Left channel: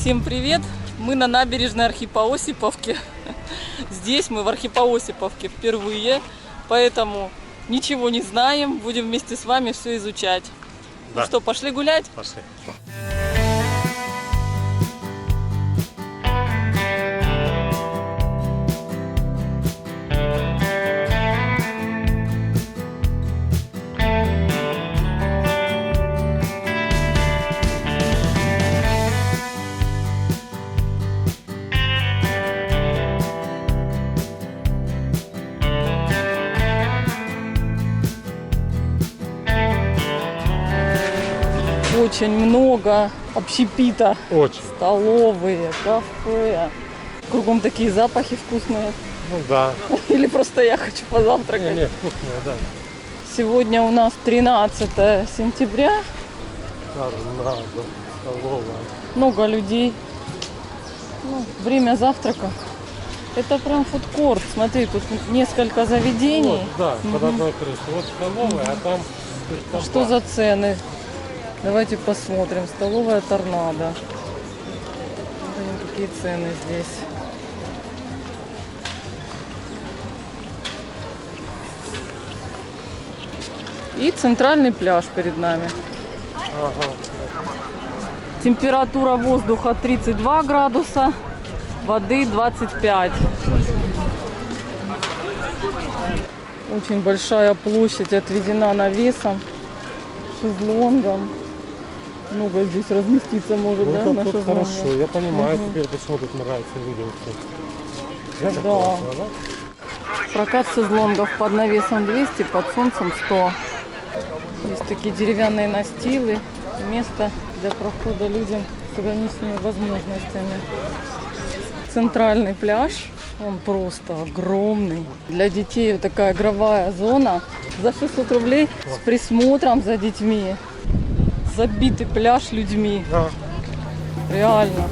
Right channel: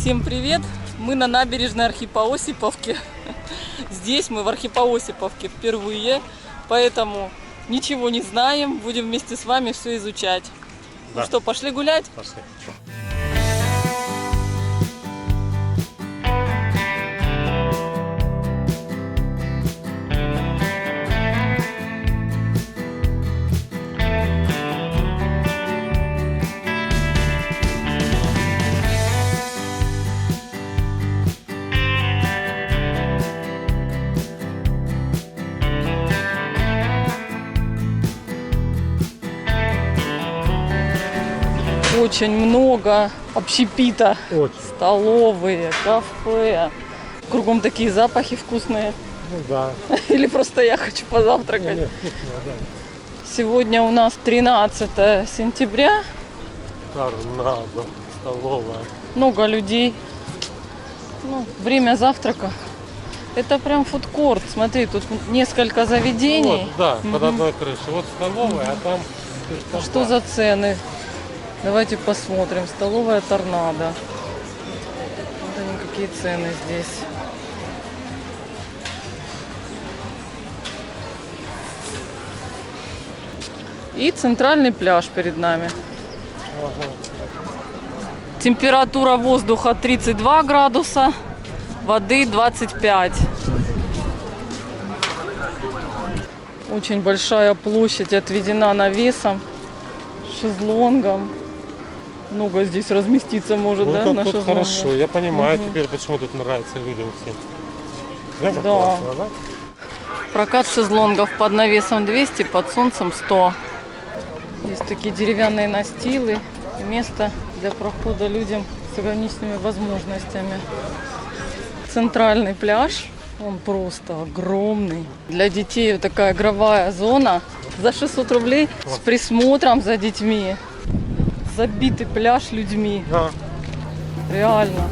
Всем привет! Мы на набережной Архипоосиповки. Здесь мы в Архипоосиповке впервые, поэтому ничего не знаем. Будем вместе с вами все изучать. Да. Ну что, пошли гулять? Пошли. Очень много общепита. Очень. Столовые, кафе. Кругом такие запахи вкусные. Ну да. Или просто я хочу позавтракать. Не, вкусные, да. Сегодня у нас 13 сентября. Торнадо, столовая. Много людей. Ну, время завтрака. Это прям фудкорт. Смотри, тут несколько заведений. Вот, да, под одной крышей. Вот столовая, а там... Что за цены? Давайте посмотрим. Столовая Торнадо. Вот они, какие цены здесь. И центральный пляж перед нами. Ага. Температура воздуха 32 градуса, воды 25. Очень большая площадь отведена навесом, шезлонгом. Много здесь разместиться может, Ну, да, это на тут шезлонгах? хорошо. Я понимаю теперь, почему тут нравится людям всем. Да. Классно, да? Прокат шезлонгов под навесом 200, под солнцем 100. Есть такие деревянные настилы. Место для прохода людям с ограниченными возможностями. Центральный пляж. Он просто огромный. Для детей вот такая игровая зона. За 600 рублей с присмотром за детьми. Забитый пляж людьми. Да. Реально.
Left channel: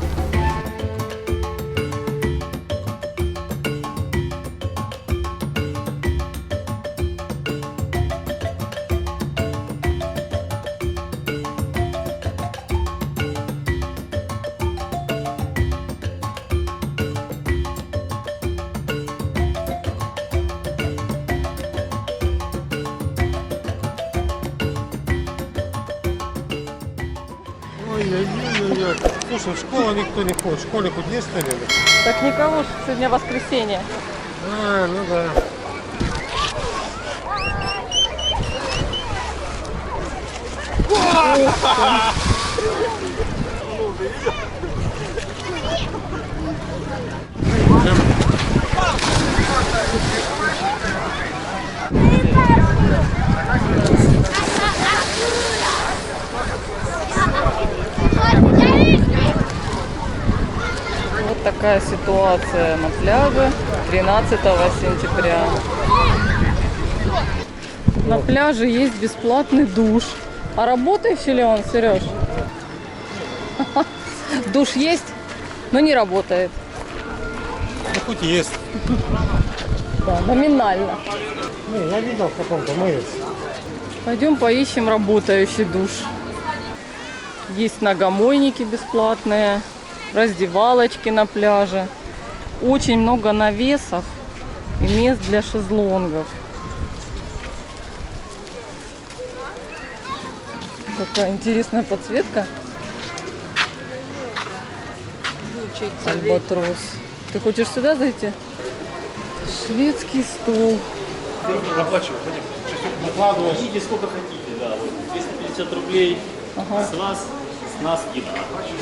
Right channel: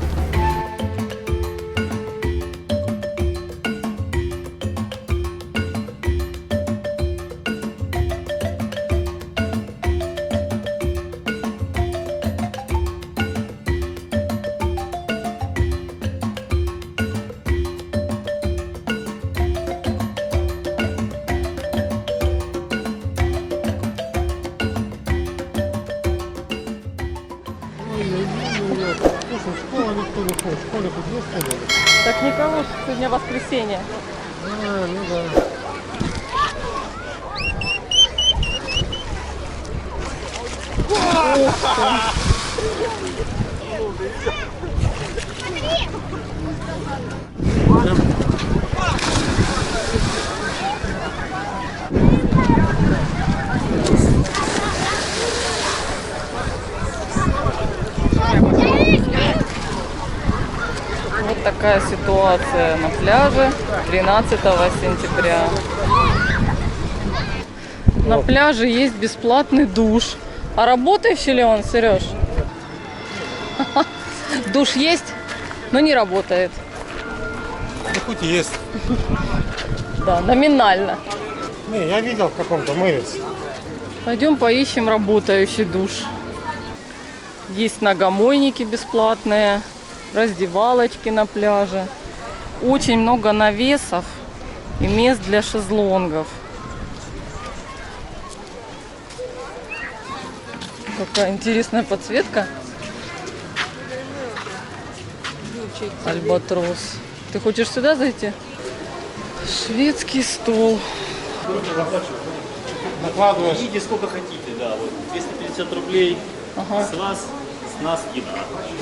Ой-ой-ой. Слушай, в школу никто не ходит. В школе хоть есть кто-нибудь? Так никого ж, сегодня воскресенье. А, ну да. Вот такая ситуация на пляже 13 сентября. На пляже есть бесплатный душ. А работающий ли он, Сереж? Душ есть, но не работает. Ну хоть есть. Да, номинально. Не, я видел в каком-то мылись. Пойдем поищем работающий душ. Есть ногомойники бесплатные, раздевалочки на пляже. Очень много навесов и мест для шезлонгов. Какая интересная подсветка. Альбатрос. Ты хочешь сюда зайти? Шведский стол. Накладываешь. Идите сколько хотите, да. Вот 250 рублей Ага. с вас, с нас еда.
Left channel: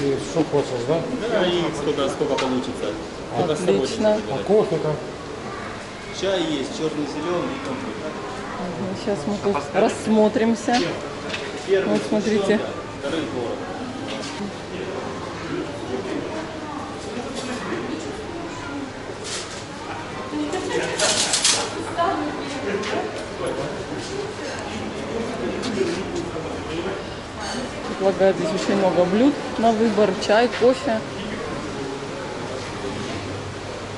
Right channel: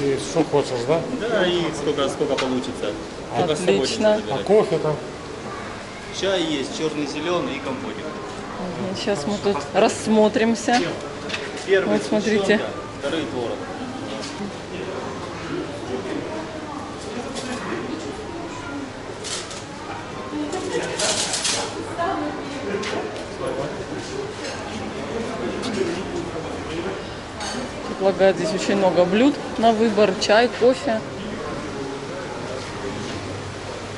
И что хочешь, да? Да, и сколько получится. Только с собой не Отлично. А забирайте. кофе там? Чай есть, черный, зеленый и компотик. Сейчас мы тут рассмотримся. Первый Вот смотрите. сгущенка, второй творог. Предлагают здесь очень много блюд на выбор. Чай, кофе.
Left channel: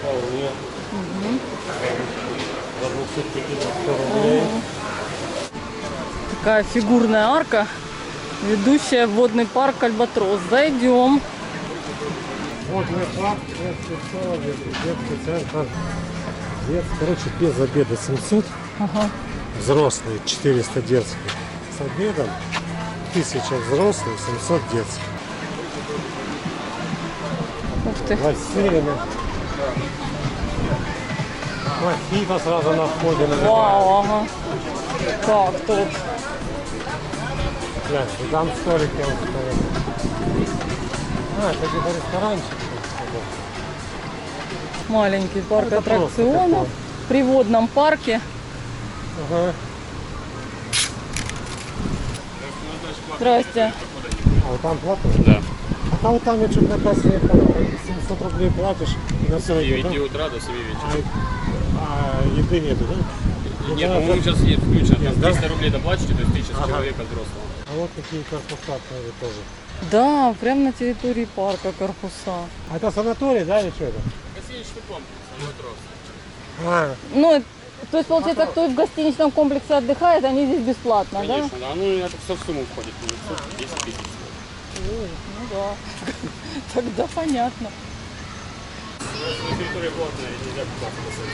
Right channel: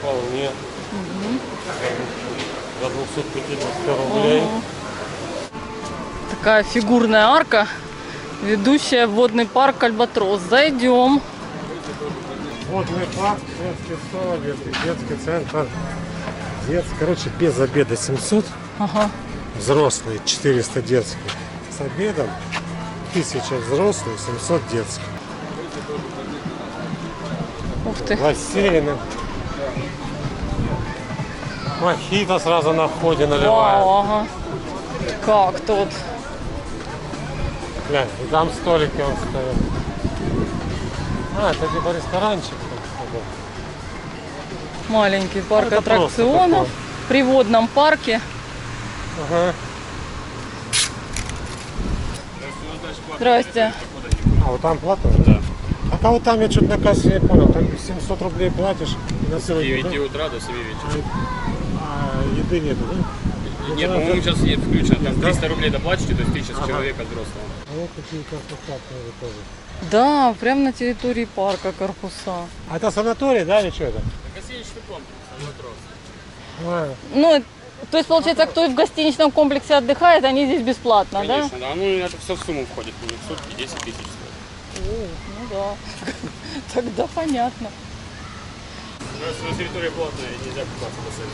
Вполне. За 250 рублей. Такая фигурная арка, ведущая в водный парк Альбатрос. Зайдем. Водный парк, детский сад, детский центр. Короче, без обеда 700, Ага. взрослые 400 детских. С обедом 1000 взрослых, 700 детских. Ух ты. Бассейны. Мохито сразу на входе наливают. Вау, ага. Как тут. Глянь, и там столики он стоит. А, это типа ресторанчик. так сказать. Маленький парк Это просто аттракционов такое. в приводном парке. Ага. Здрасте. А вот там плата? Да. А вот там я что-то на кассе не понял. Там 700 рублей платишь и на С целый день, 9 да? утра до 7 вечера. А еды нету, да? Ну, Нет, тогда по-моему, так- сейчас есть включено. Там Есть, да? 300 рублей доплачиваете, то есть 1000 с Ага. человека взрослого. А вот такие корпуса тоже. Да, прямо на территории парка корпуса. А это санаторий, да, или что это? Гостиничный комплекс, метро. А, Ну, то есть, получается, кто в гостиничном комплексе отдыхает, они здесь бесплатно, Конечно, да. Ну, это все в сумму входит. В сутки 10 тысяч стоит. да? О, ну да. Тогда понятно. У нас на территории платная, и нельзя купаться в бассейне.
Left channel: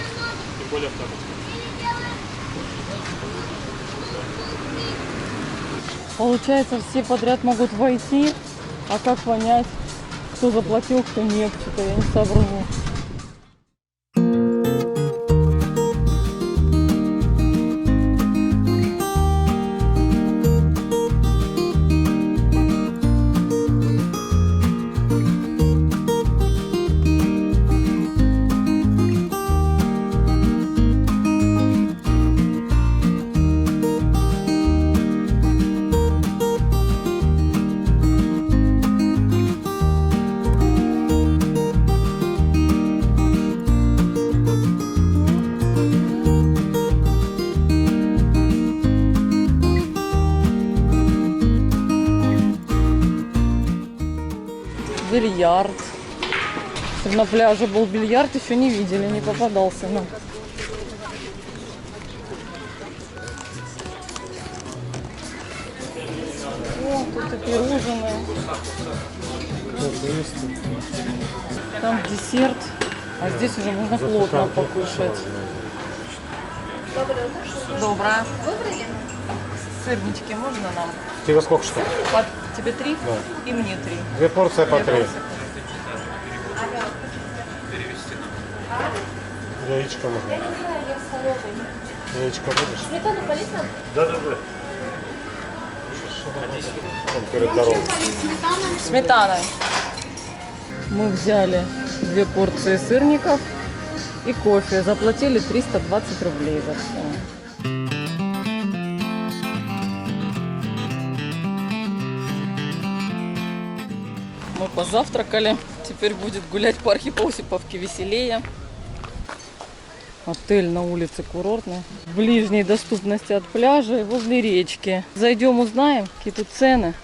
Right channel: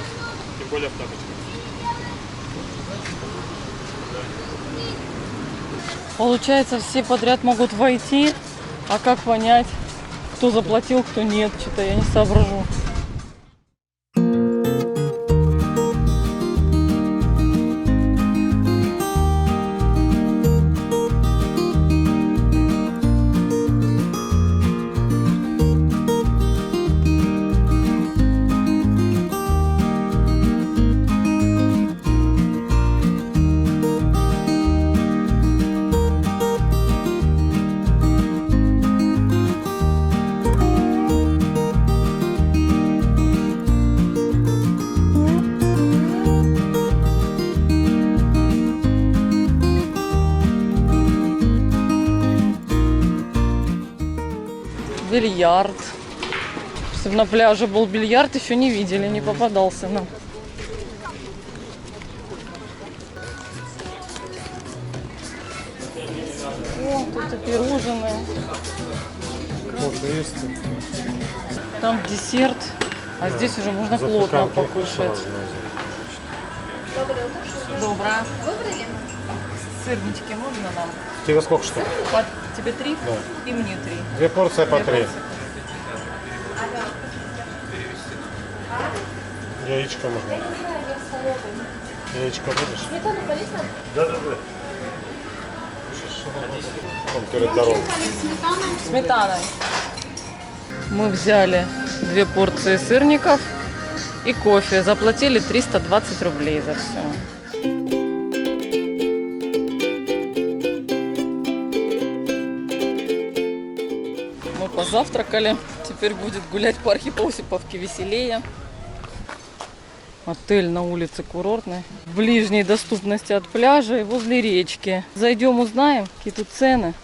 Тем более в тапочках. Получается, все подряд могут войти, а как понять, кто заплатил, кто нет, что-то я не соображу. Бильярд. Если на пляже был бильярд, еще не видели, не попадался нам. О, тут и пирожные. вот есть. Там десерт, а здесь уже можно плотно покушать. Доброе. Сырнички можно нам? Тебе сколько что? Тебе 3? Да. И мне 3. 2 порции по 3. Яичко можно. Яичко будешь? Сметану полезно? Да. Он перед дорогой. Сметаной. Мы взяли 2 порции сырников и кофе. Заплатили 320 рублей за все. Мы позавтракали. Теперь будет гулять по Архипа-Осиповке веселее. Отель на улице Курортной. В ближней доступности от пляжа и возле речки. Зайдем, узнаем, какие тут цены.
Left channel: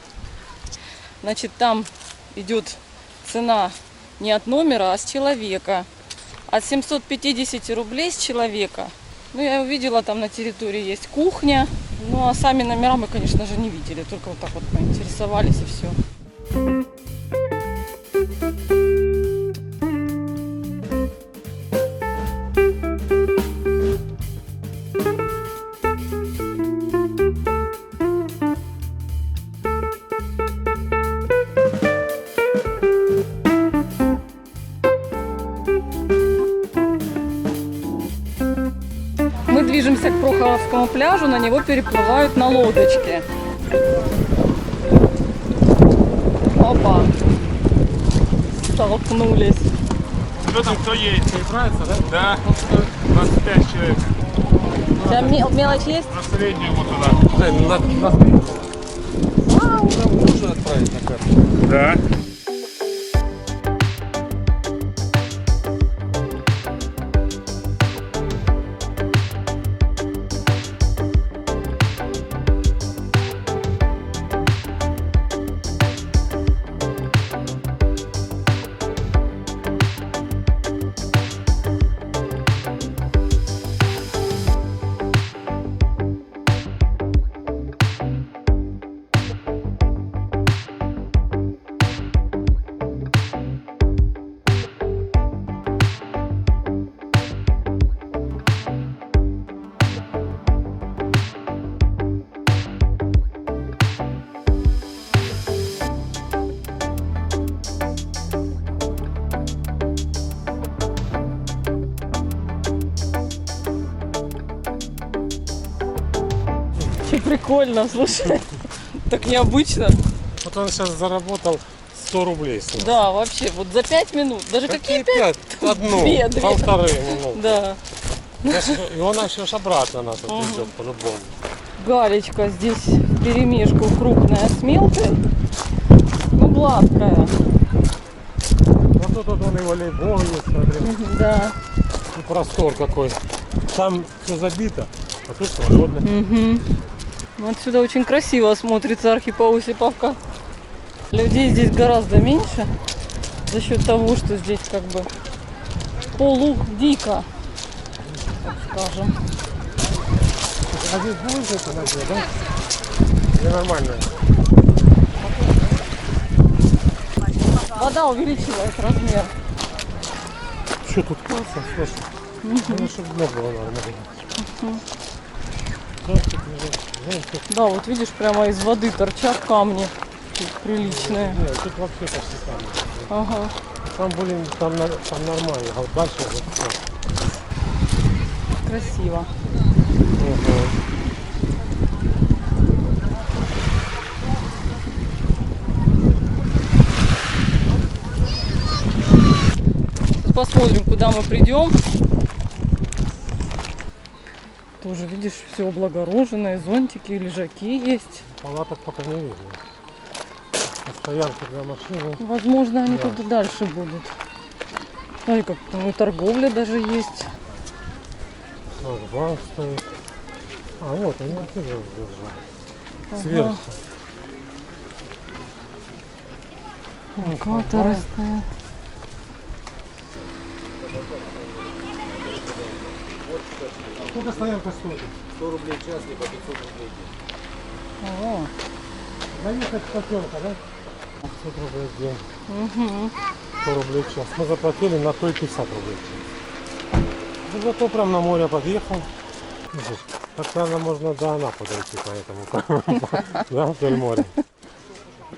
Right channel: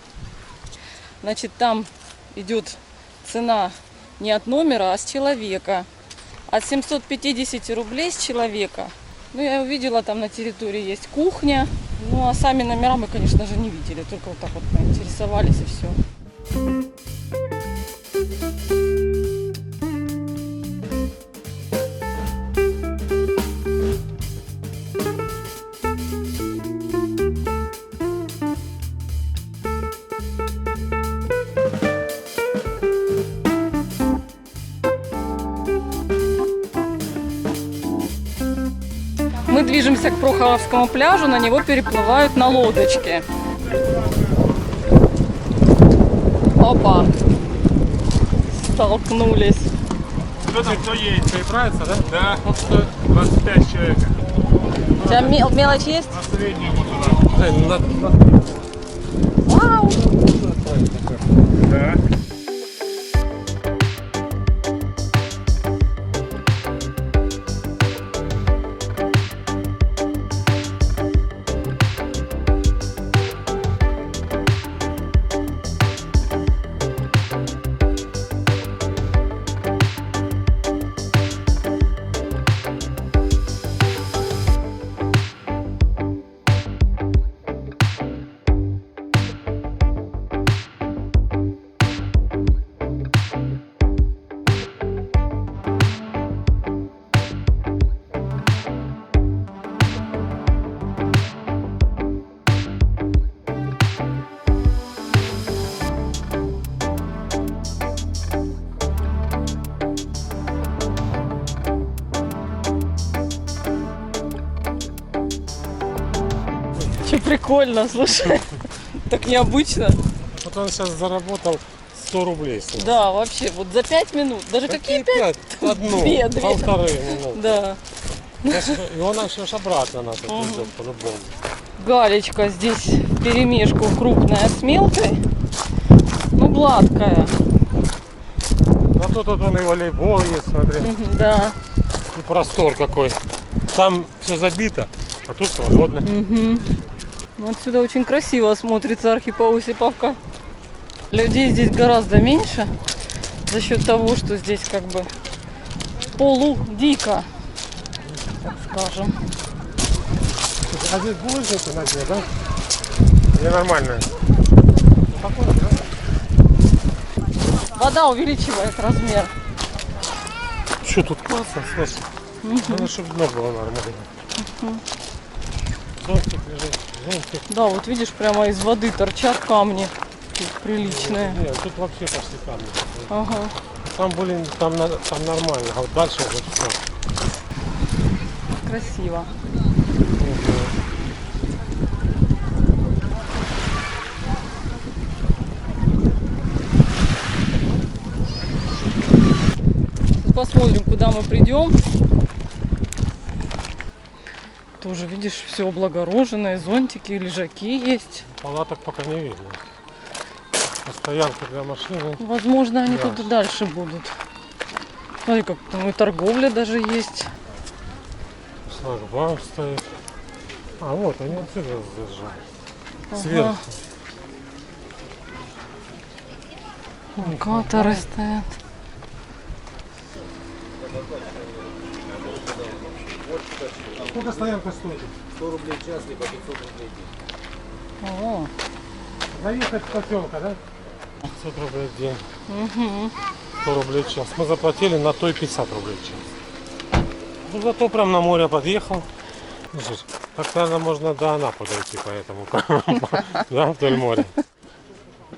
Значит, там идет цена не от номера, а с человека. От 750 рублей с человека. Ну, я увидела, там на территории есть кухня. Ну, а сами номера мы, конечно же, не видели. Только вот так вот поинтересовались и все. Мы движемся к Прохоровскому пляжу, на него переплывают на лодочке. Опа! Столкнулись. Кто едет? Перебраться, да? Да, 25 человек. У тебя мелочь есть? На среднюю вот туда. Вау! Да. Прикольно, слушай. Так необычно. Вот он сейчас заработал 100 рублей. с нас. Да, вообще, вот за 5 минут. Даже какие 5? Одну, Две. полторы минуты. Да. И он еще ж обратно нас отвезет по-любому. Галечка здесь вперемешку крупная с мелкой. Ну, гладкая. А тут вот он и волейбол есть, смотри. Да. И простор какой. Там все забито, а тут свободно. Ну, отсюда очень красиво смотрится Архипо-Осиповка. Людей здесь гораздо меньше. За счет того, что здесь как бы полудико, так скажем. А здесь булыжники на дне, да? Или нормально? Вода увеличивает размер. Что тут классно, слушай. Надо, чтобы дно было нормально. Зонтик лежит, зонтик. Да, вот видишь, прямо из воды торчат камни приличные. Нет, тут вообще почти камни. Ага. Там, блин, там нормально, а вот дальше вот все. Красиво. Сейчас посмотрим, куда мы придем. Тоже, видишь, все облагороженное, зонтики, лежаки есть. Палаток пока не видно. Стоянка для машины. Возможно, они Да. тут дальше будут. Смотри, как там и торговля даже есть. Шлагбаум стоит. А вот они отсюда держали. Ага. Сверху. Локаторы стоят. Сколько стоянка стоит? 100 рублей в час, либо 500 рублей в день. О, Заехать в поселка, да? 500 рублей в день. угу. 100 рублей в час. Мы заплатили на той 50 рублей в час. Ну, зато прям на море подъехал. Слушай, так, наверное, можно до Анапы дойти по этому. Да, вдоль моря.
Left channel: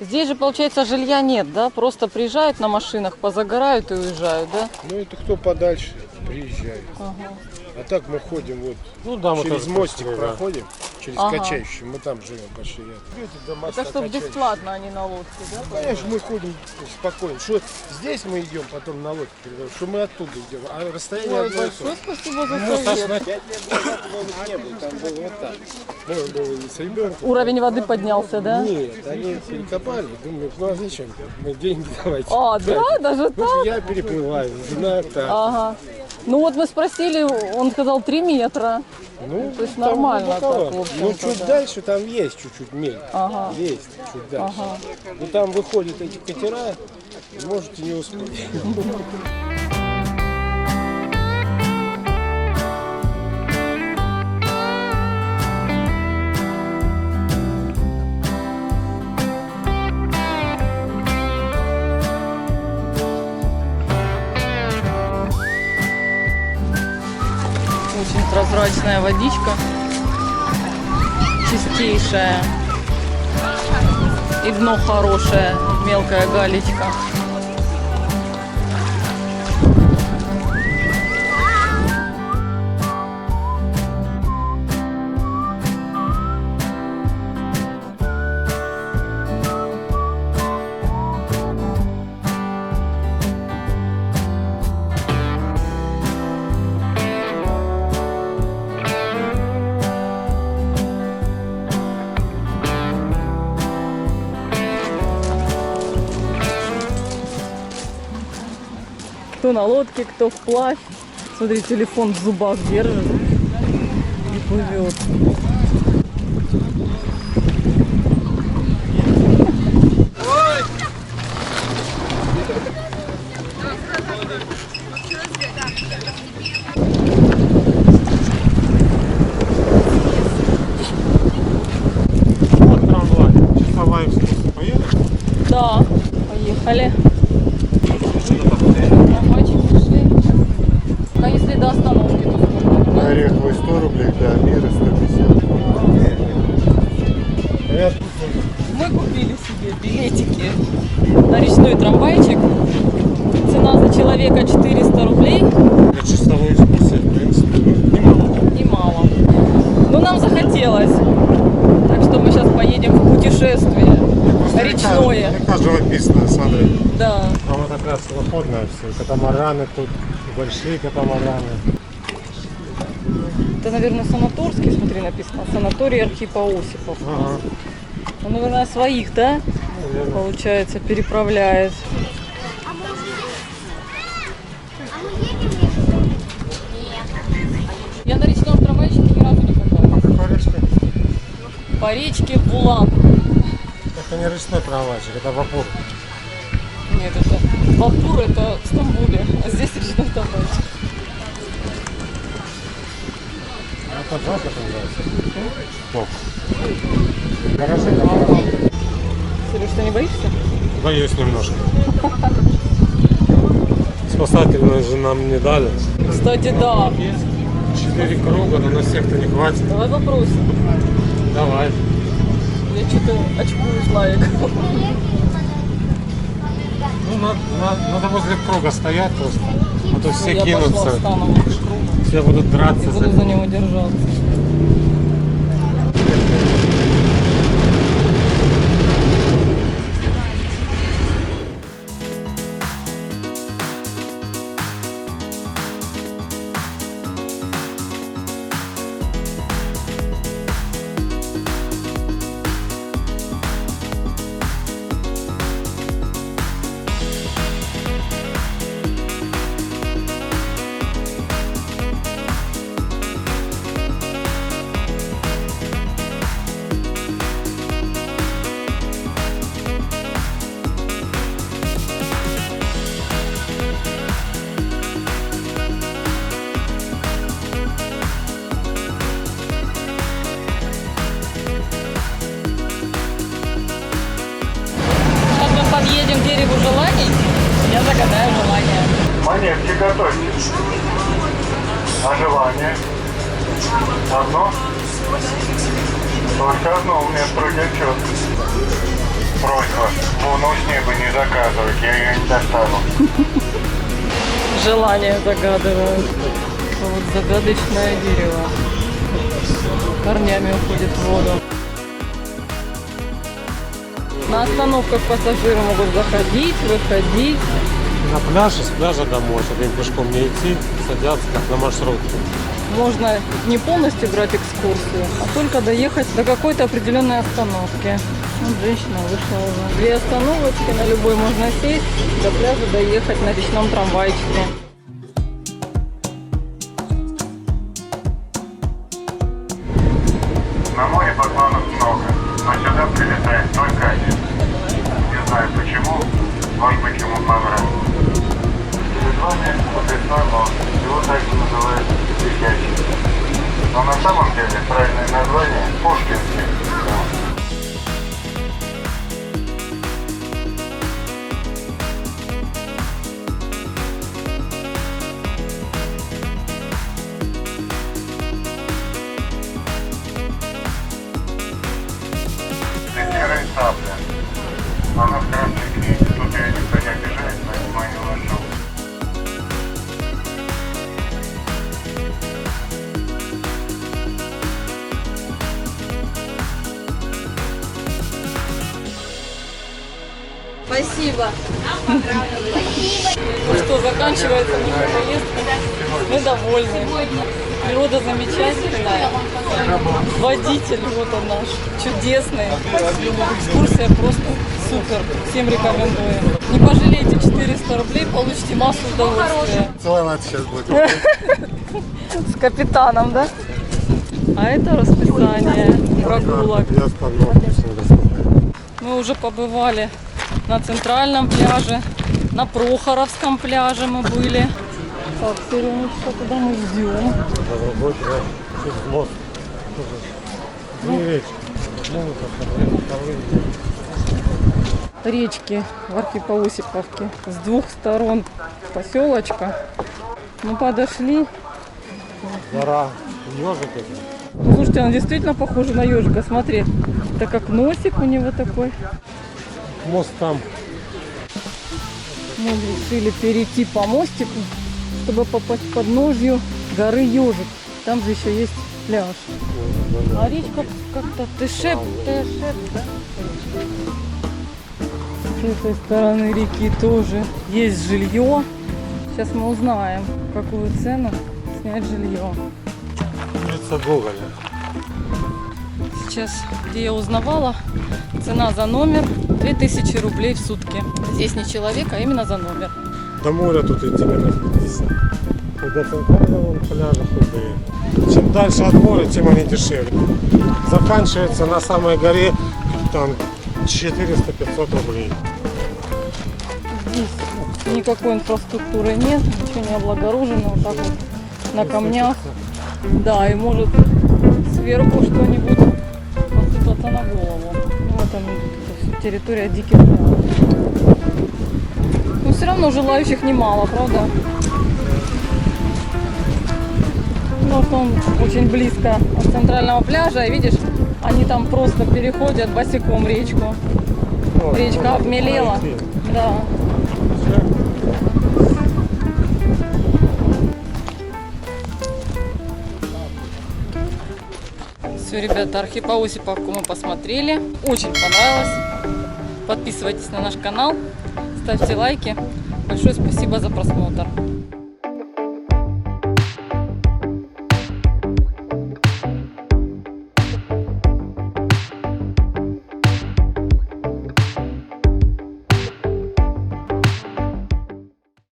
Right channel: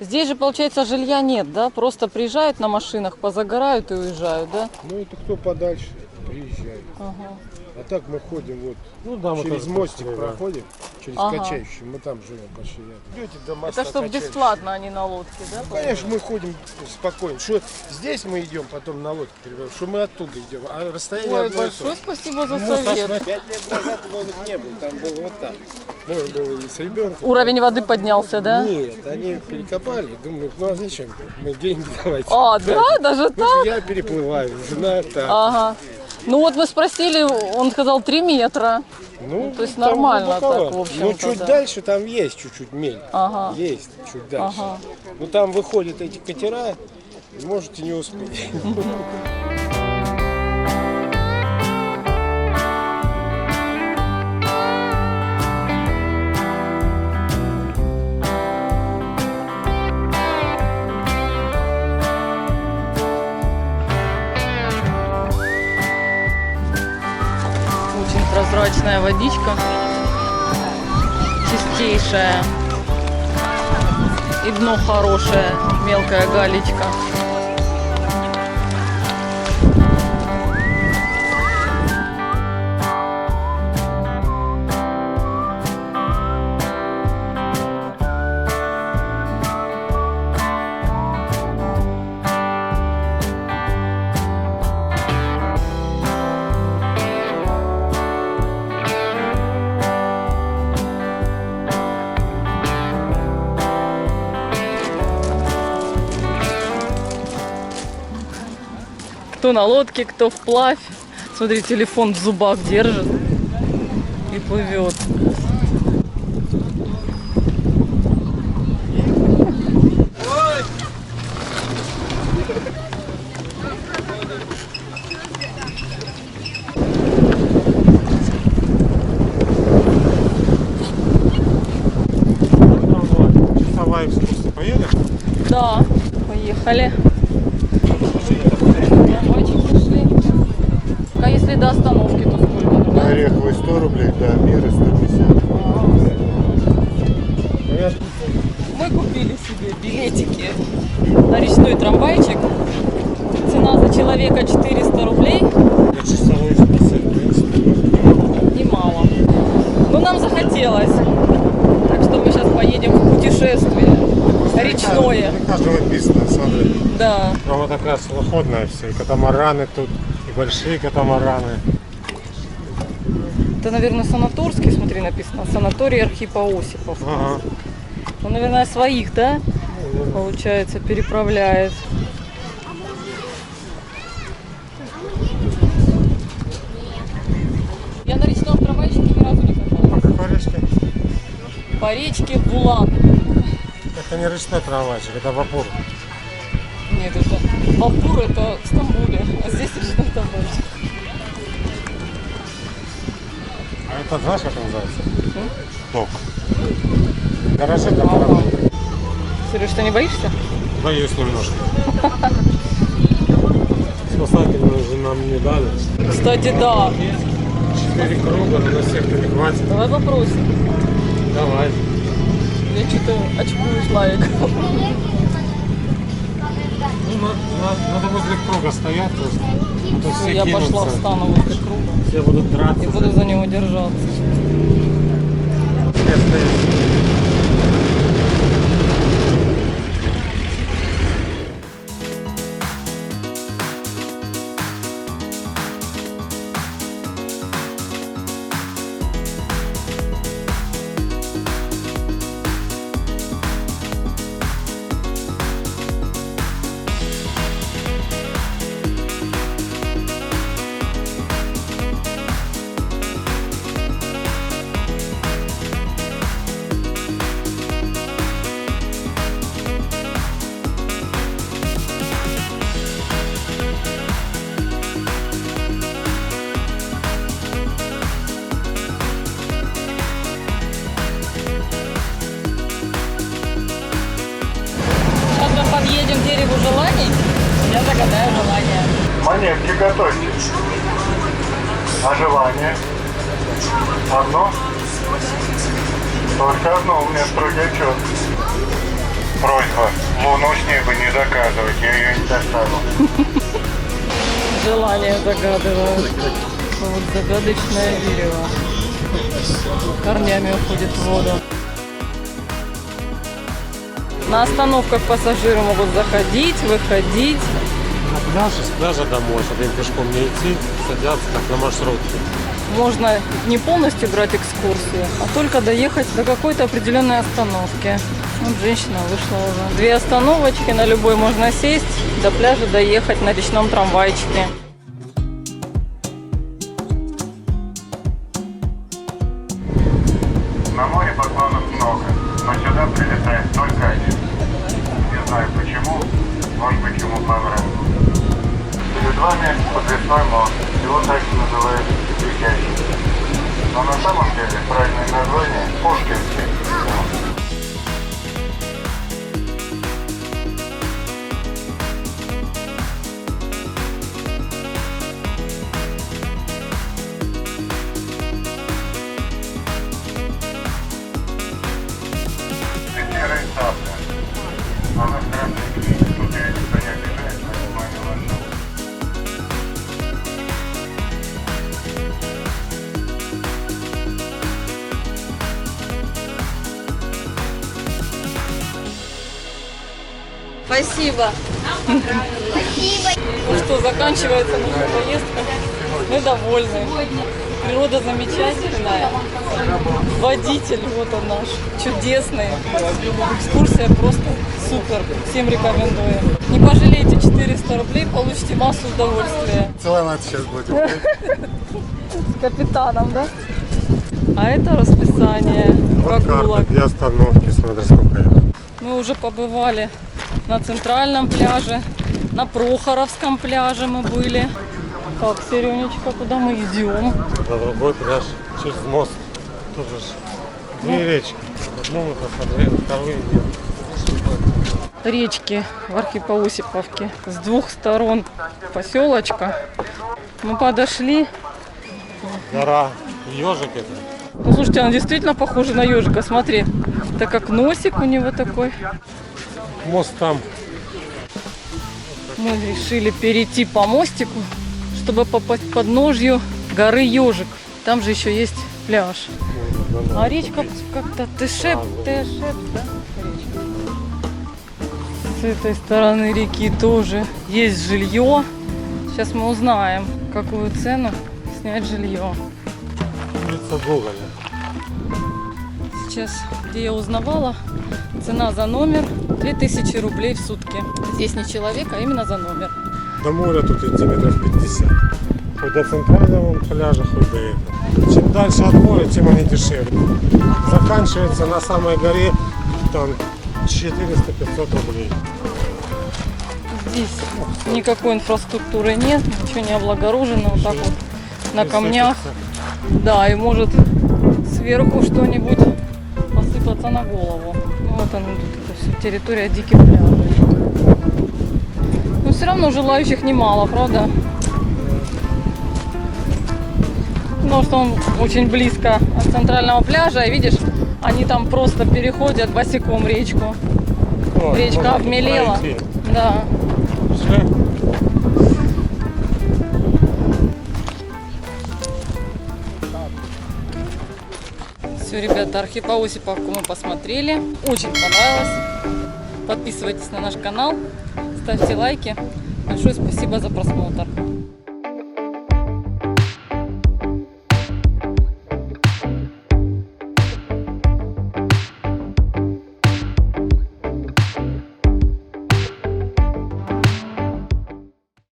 Здесь же, получается, жилья нет, да? Просто приезжают на машинах, позагорают и уезжают, да? Ну это кто подальше приезжает. Ага. А так мы ходим вот Ну да, мы через тоже мостик пошли, да. проходим, через Ага. качающий, мы там живем почти рядом. Идете до моста Это чтобы качающий. бесплатно, а не на лодке, да? Конечно, мы ходим спокойно. Что здесь мы идем, потом на лодке переходим, что мы оттуда идем. А расстояние Ой, одно и то большое же. спасибо за Ну, совет. 5 лет назад лодок не было, там было вот так. Можно было и с ребенком. Уровень воды поднялся, да? Нет, они перекопали. Думаю, ну а зачем? Мы деньги давайте. А, да, даже Ну, так? я переплываю, жена так. Ага. Ну вот мы спросили, он сказал 3 метра. Ну, то есть там нормально глубоковато. так, в общем-то, Ну, чуть да. дальше там есть чуть-чуть мель. Ага. Есть чуть дальше. Ага. Ну, там выходят эти катера, и можете не успеть. Очень прозрачная водичка. Чистейшая. И дно хорошее. Мелкая галечка. Кто на лодке, кто вплавь. Смотри, телефон в зубах держит и плывет. Вот трамвай. Часовая экскурсия. Поедешь? Да, поехали. Трамвайчики шли. А если до остановки, то сколько? Ну, На Ореховой 100 рублей, до Мира 150. Мы купили себе билетики на речной трамвайчик. Цена за человека 400 рублей. Для часовой экскурсии, в принципе, ну, немало. Немало. Но нам захотелось. Так что мы сейчас поедем в путешествие. Просто Речное. Река живописная, смотри. Да. Прямо такая свободная все. И катамараны тут, и большие катамараны. Это, наверное, санаторский, смотри, написано. Санаторий Архипа Осипов. Ага. Он, наверное, своих, да? Наверное. Получается, переправляет. Я на речном трамвайчике ни разу не По каталась. какой речке? По речке Булан. Это не речной трамвайчик, это вапур. Нет, это Вапур, это в Стамбуле, а здесь речной трамвайчик. А это знаешь, как называется? Док. Гаражи для кораблей. Сереж, ты не боишься? Боюсь немножко. Спасательную же нам не дали. Кстати, да. 4 круга, но на всех-то не хватит. Давай попросим. Давай. Я что-то очкую Славик. Ну, надо возле круга стоять просто. А то все Я пошла, кинутся. встану возле круга Все будут драться. и буду за него держаться. Сейчас мы подъедем к дереву желаний. Я загадаю желание. Монетки готовьте. А желание? Одно? Только одно, у меня строгий отчет. Просьба, луну с неба не заказывать, я ее не достану. Желание загадывают. Вот загадочное дерево. Корнями уходит в воду. На остановках пассажиры могут заходить, выходить. На пляже, с пляжа домой, чтобы им пешком не идти, садятся как на маршрутке. Можно не полностью брать экскурсию, а только доехать до какой-то определенной остановки. Вот женщина вышла уже. 2 остановочки, на любой можно сесть, до пляжа доехать на речном трамвайчике. На море поклонов много, но сюда прилетает только один. Не знаю почему, может быть ему понравилось. Перед вами подвесной мост, его также называют Летящий. Но на самом деле правильное название Пушкинский мост. Серая сабля. Она в красной книге. Тут ее никто не обижает, поэтому я не вошел. Спасибо. Ну что, заканчивается наша поездка. Мы довольны. Природа замечательная. Водитель, вот он наш, чудесный. Экскурсия просто супер. Всем рекомендуем. Не пожалейте 400 рублей, получите массу удовольствия. Целовать сейчас будем. С капитаном, да? А это расписание прогулок. Для остановки, смотри, сколько это. Мы уже побывали на центральном пляже, на Прохоровском пляже мы были. Так, Серенечка, куда мы идем? На другой пляж, через мост. Тут же 2 речки. Одну мы посмотрели, вторую нет. Речки в Архипо-Осиповке. С 2 сторон поселочка. Мы подошли. Гора ежик это. Ну, слушайте, она действительно похожа на ежика. Смотри, так как носик у него такой. Мост там. Мы решили перейти по мостику, чтобы попасть к подножью горы Ежик. Там же еще есть пляж. А речка как-то Тешеп, да? Речка. С этой стороны реки тоже есть жилье. Сейчас мы узнаем, какую цену снять жилье. Улица Гоголя. Сейчас, где я узнавала, цена за номер 2000 рублей в сутки. Здесь не человек, а именно за номер. До моря тут идти метров 50. Хоть до центрального пляжа, хоть до этого. Чем дальше от моря, тем они дешевле. Заканчивается на самой горе там 400-500 рублей. Здесь никакой инфраструктуры нет, ничего не облагорожено. Вот так вот на камнях. Да, и может сверху что-нибудь посыпаться на голову. Ну вот она, это все территория диких пляжей. Но все равно желающих немало, правда? Потому что он очень близко от центрального пляжа, и видишь, они там просто переходят босиком речку. Вот, Речка можно обмелела. пройти. Да. Уже. Все, ребята, Архипа-Осиповку мы посмотрели. Очень понравилось. Подписывайтесь на наш канал, ставьте лайки. Большое спасибо за просмотр.